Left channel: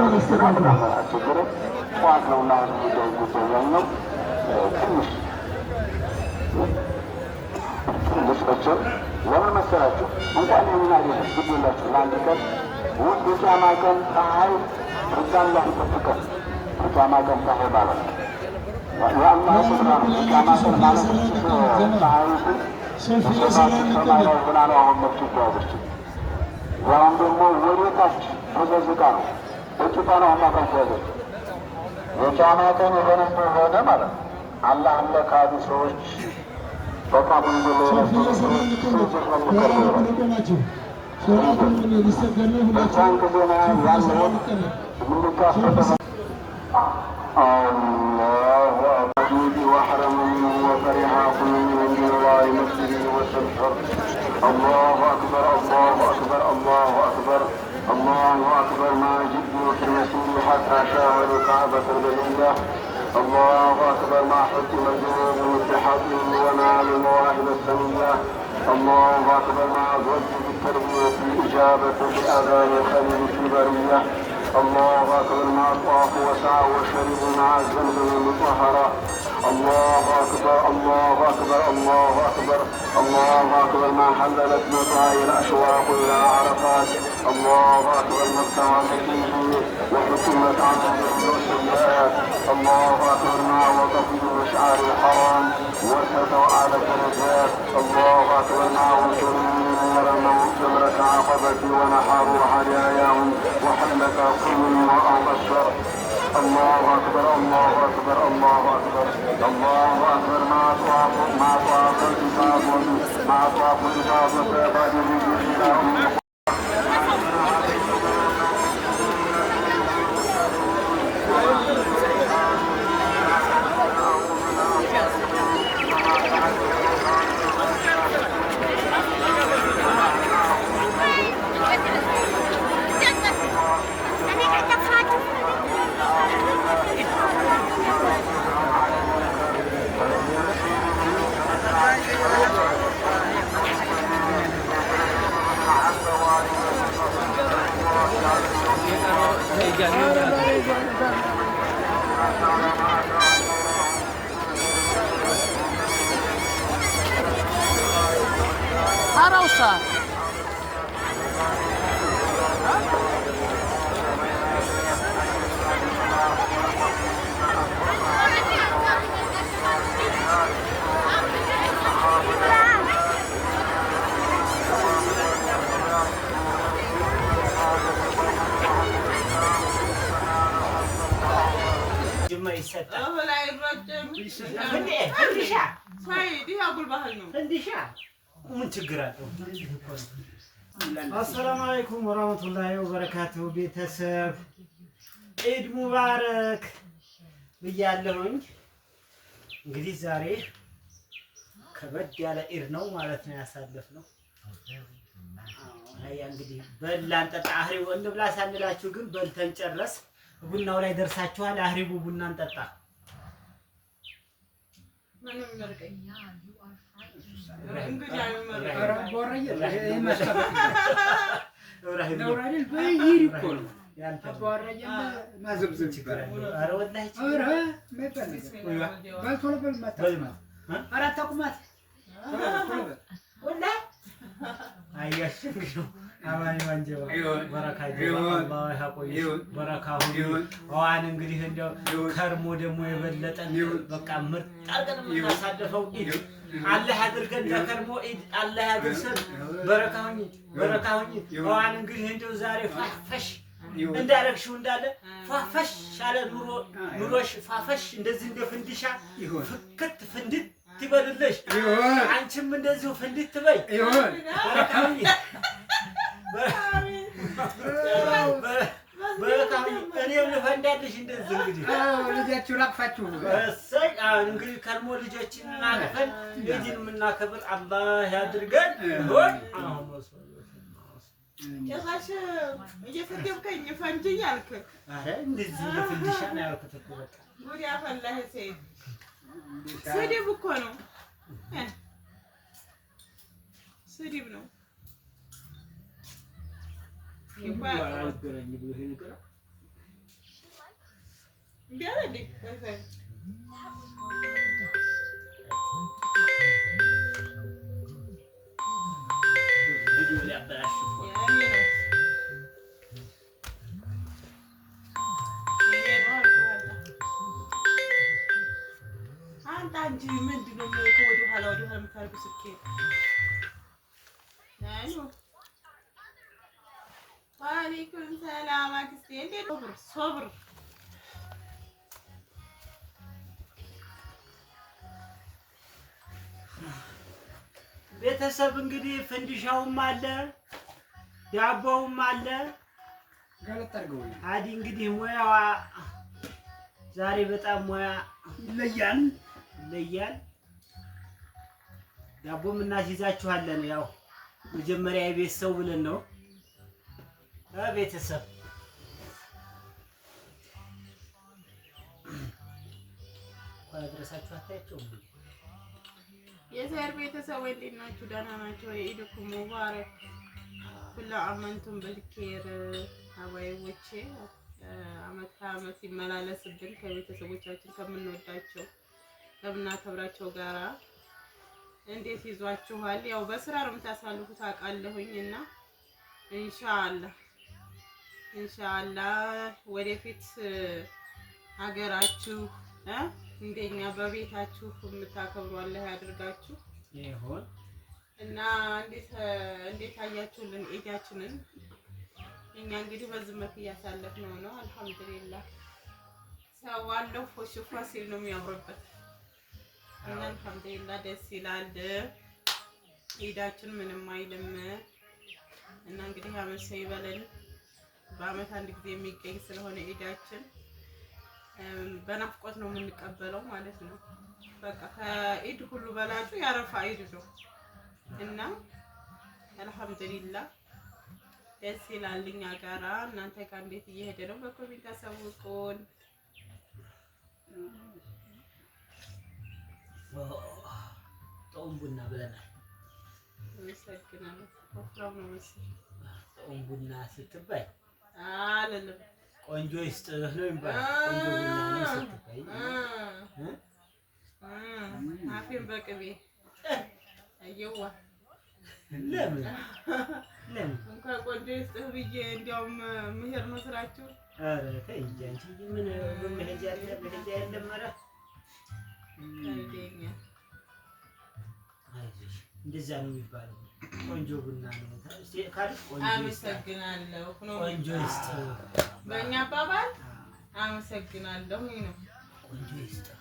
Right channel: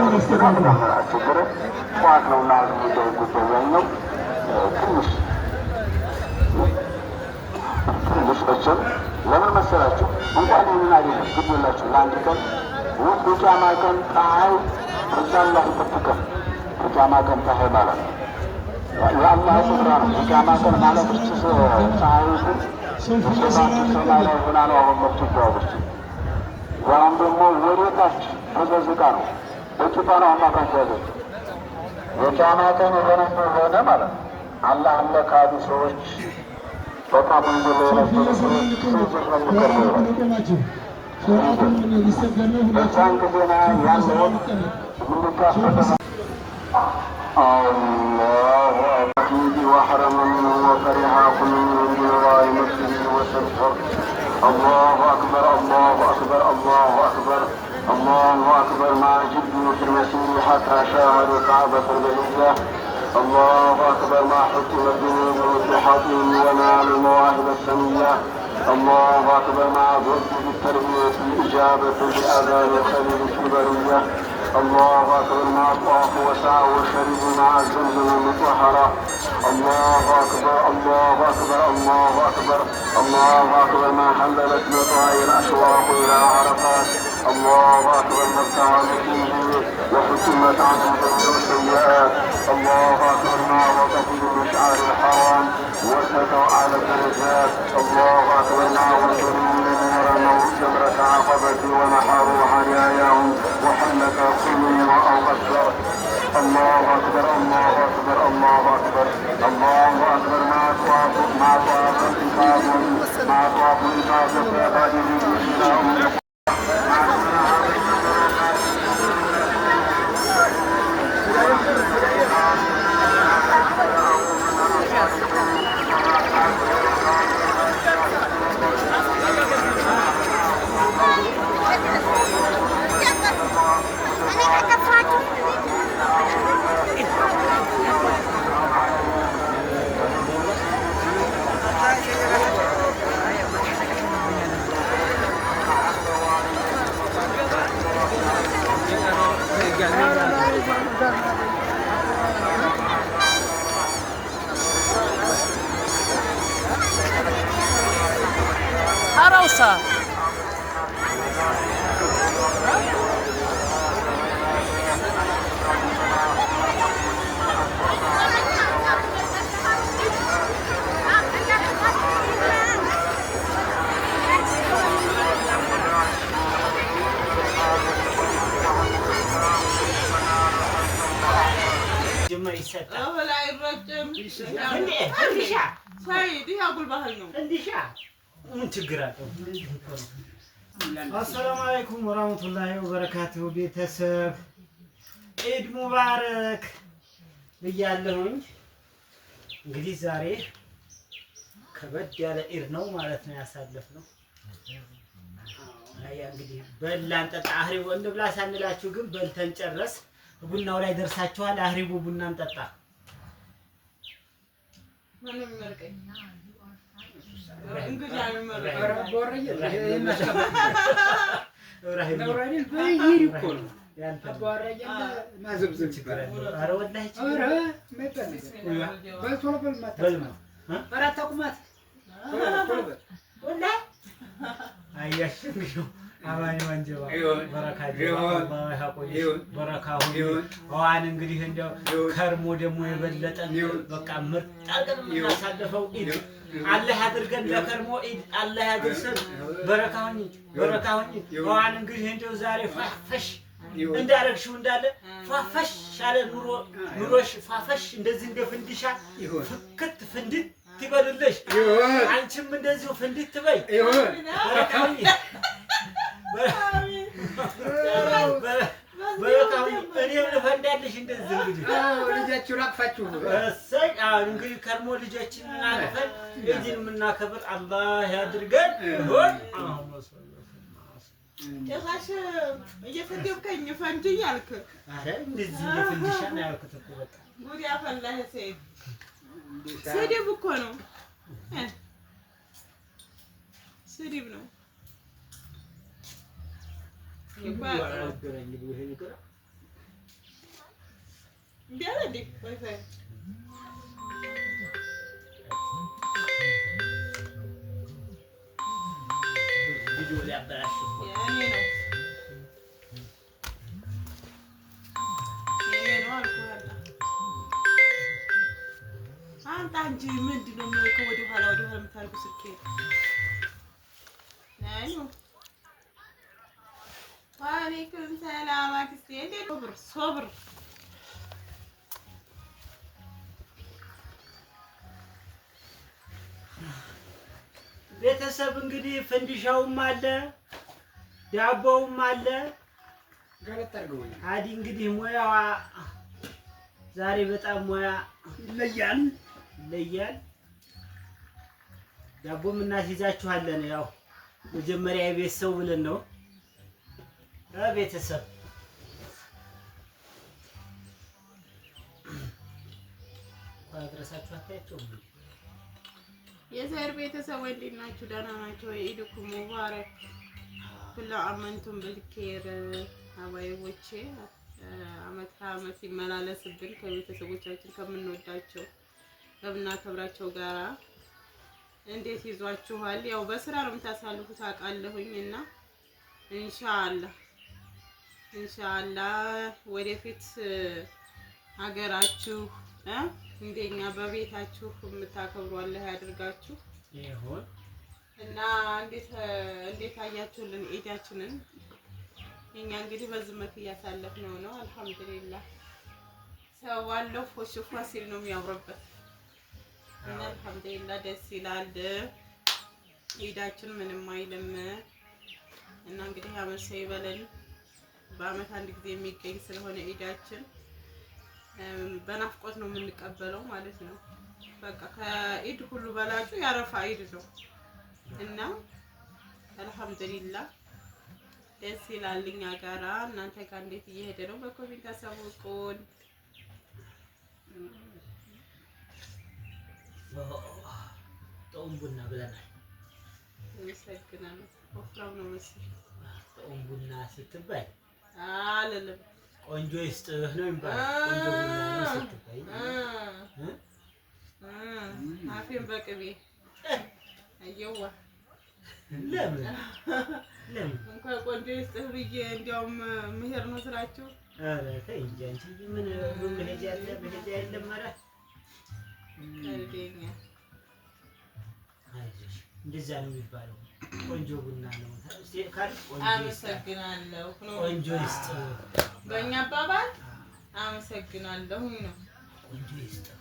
አስቸገረ። ጠዋት ነው እና ጉዳይ ጉዳይ ነው ትንሽ መቼም ለምን መሰላችሁ እንኳን ይህንን አይደለም ግድ የላችሁ ለአንድ ቀን ውድ የቂያማ ቀን ፀሐይ እዛም ላይ ይጠብቀን። የቂያማ ቀን ፀሐይ ማለት ነው የአላህ ስራ ነው። የቂያማ ቀን ማለት ፀሐይቱ በሰባቱ ሰማይ ላይ ሆና ነው አሁን መጥቶ ይተዋበች። ያም ደግሞ ወዴታች ተዘዝቃ ነው በጭፋ ነው አማካን ተዋበች። የቂያማ ቀን የሆነ ሆነ ማለት ነው። አላህ እንደ ካዱ ሰዎች በጣም وحرم منه وفرح كل من جوار مسجده وسبحه. الله أكبر الله أكبر الله أكبر الله أكبر ما جدوا في المسير حتى شاهدوا الكعبة البلية. الله أكبر ما حكم الجنود بصحته ونال المواهب السنية. الله أكبر ما ضد بالتربية بإجابة بالأذان الخليل في البرية. الله أكبر ما طافوا وسعوا وشربوا مع الزمزم المطهرة. الله أكبر الله أكبر الله أكبر الله أكبر ما حللت مطايا الأشواق إلى عرفات. الله أكبر ما استوى فيه وحكمت عنه السيئات. الله أكبر ما وقف بمشعر الحرام وسطوا على الدرجات. الله أكبر ما وصلوا من ورموا جمرة عقبة ونحروا هداياهم وحلق كل امرأ أكبر. الله أكبر الله أكبر الله أكبر الله أكبر ما طاف الإفاض ما طاف الإفاض فبعد الرجوع إلى أم Arosa. አሰላሙ አለይኩም ወራህመቱላሂ ወበረካቱሁ። ቤተሰብ ኢድ ሙባረክ ብያለሁኝ። እንግዲህ ዛሬ ከበድ ያለ ኢድ ነው ማለት ነው ያሳለፍነው። ያ እንግዲህ በላን ጠጣ አህሪቡ እንብላ ሳንላችሁ ግን በልተን ጨረስ። ቡናው ላይ ደርሳችኋል። አህሪቡ ቡናን ጠጣ። ምንም መርቀኝ በረካሁን እንግዲህ እንደው ከርሞ ደግሞ የበለጠ በቃ ምርጥ አድርገን የምናሳልፈው ኢድ አላህ ያድርገን። ለከርሞ ኢድ አላህ ያድርሰን። በረካሁን ዋን እንግዲህ እንደው ዛሬ ፋፈሽ እንዳረግሽው እንዳለ ፋፈሽ አለ ኑሮሽ ፋፈሽ እንደዚህ እንደ ፍንዲሻ ፍክት ፍንድት ትበልልሽ። አንቺም እንደዚሁ ፍንድት ትበይ። በረካሁን እኔም ልፈንዳልሽ እንደዚህ እንግዲህ ልጃችሁ ላቅፋችሁ እሰይ። እንግዲህ ከርሞ ልጆችን እናቅፈን ኢድን የምናከብር አላህ ያድርገን። ይሁን ጭራሽ እየሰደብከኝ ፈንጅኝ አልክ። ኧረ እንደዚህ የፍንድሻ ነው ያልኩት እኮ በቃ ጉድ ያፈላህ ሰይድ። ስድብ እኮ ነው ስድብ ነው። እንዴ አለ እንዴ ዋይፋይ ቪዲዮ ላይ አበላሽ ያኔ ነው አንተ አንቺ ምንድን ነው ወደ ኋላ የምታደርጉ ስልኬ ናዩ ዋሌኩም ሰላም አክስቴ እንዴት ነው ሶብር ቤተሰብ እንግዲህ ፍንዲሻውም አለ ዳቦውም አለ አዲ እንግዲህ ሙያዋ ዛሬ በጣም ሙያ ይለያል ዳቦም እናስይዛችኋለን ያው መጀመሪያ የቤት ሰው ብለን ነው ቤተሰብ አድረሳችሁ አታያቸውም የዘር ቤተሰብ እንዴት ናችሁ? ደህና ናቸው። ኢድኩም ሙባረክ ኩሉ አመንቱም በልኬር አባይቦቼ አመት ከአመት ይመላለስብን ከቤተሰቦቻችን ከምንወዳቸው ከምናከብራቸው ጋራ እንዴት ይዟችኋል? ያው በስራ ነው የምታሳልፉት አውቃለሁኝ እና ኢንሻአላህ ወደፊት ሀገራችሁ እንደኛ በቤታችሁ የምታከብሩ አላህ ያድርጋችሁ ይሁን እና እንዴት አያችሁልን ኢዳችንን? እኛ እንግዲህ በዚህ መልኩ እያሳለፍነው ነው። አልሐምዱሊላህ ሰው አለው ፎሽፋ ሲል ነው የሚያምርበት እና አልሐምዱሊላህ ደስ ይላል። ኢዳችን ምንም አይልም እና እንግዲህ አመት ሰው ይበለን። በአመት አንድ ጊዜ የሚገኝ ስለሆነ ኢዳችን በናፍቆት ነው የምንቀበለው ማለት ነው። በቃ ከኢድ ሁሉ በላጩ ያረፋ ኢድ ነው እና አልሐምዱሊላህ ደስ ይላል። እኛ ጋራ እናንተ ጋር እንዴት እየሄደ ነው? በኮሜንት አሳውቁን። ጦም ቡና ብለናል። ይሰግናል ወፍራም ነው መሰለኝ። ጦም ቡና ስትባይ አለለም ቆንጆ ይስጥህ ነው የሚባለው። ቆንጆ ቡና ነው ስትባይ አፌን በቅቤ አየዋ ለምን እንኳን ቆንጆ ይስጥህ ብዬ እንዲያውም መሄድ ነው ስላችሁ። ኧረ ተይ እንጂ አንቺ ምን መሄጃ የለም ኧረ አይደኛ አይዞሽ እንደዛ ነው የሚባለው። ቆንጆ ቡና ነው ካልሽ ቆንጆ አመሰግናለሁ ነው ቆንጆ ይስጥህ በእኛ አባባል አመሰግናለሁ ነው ቆንጆ ይስጥህ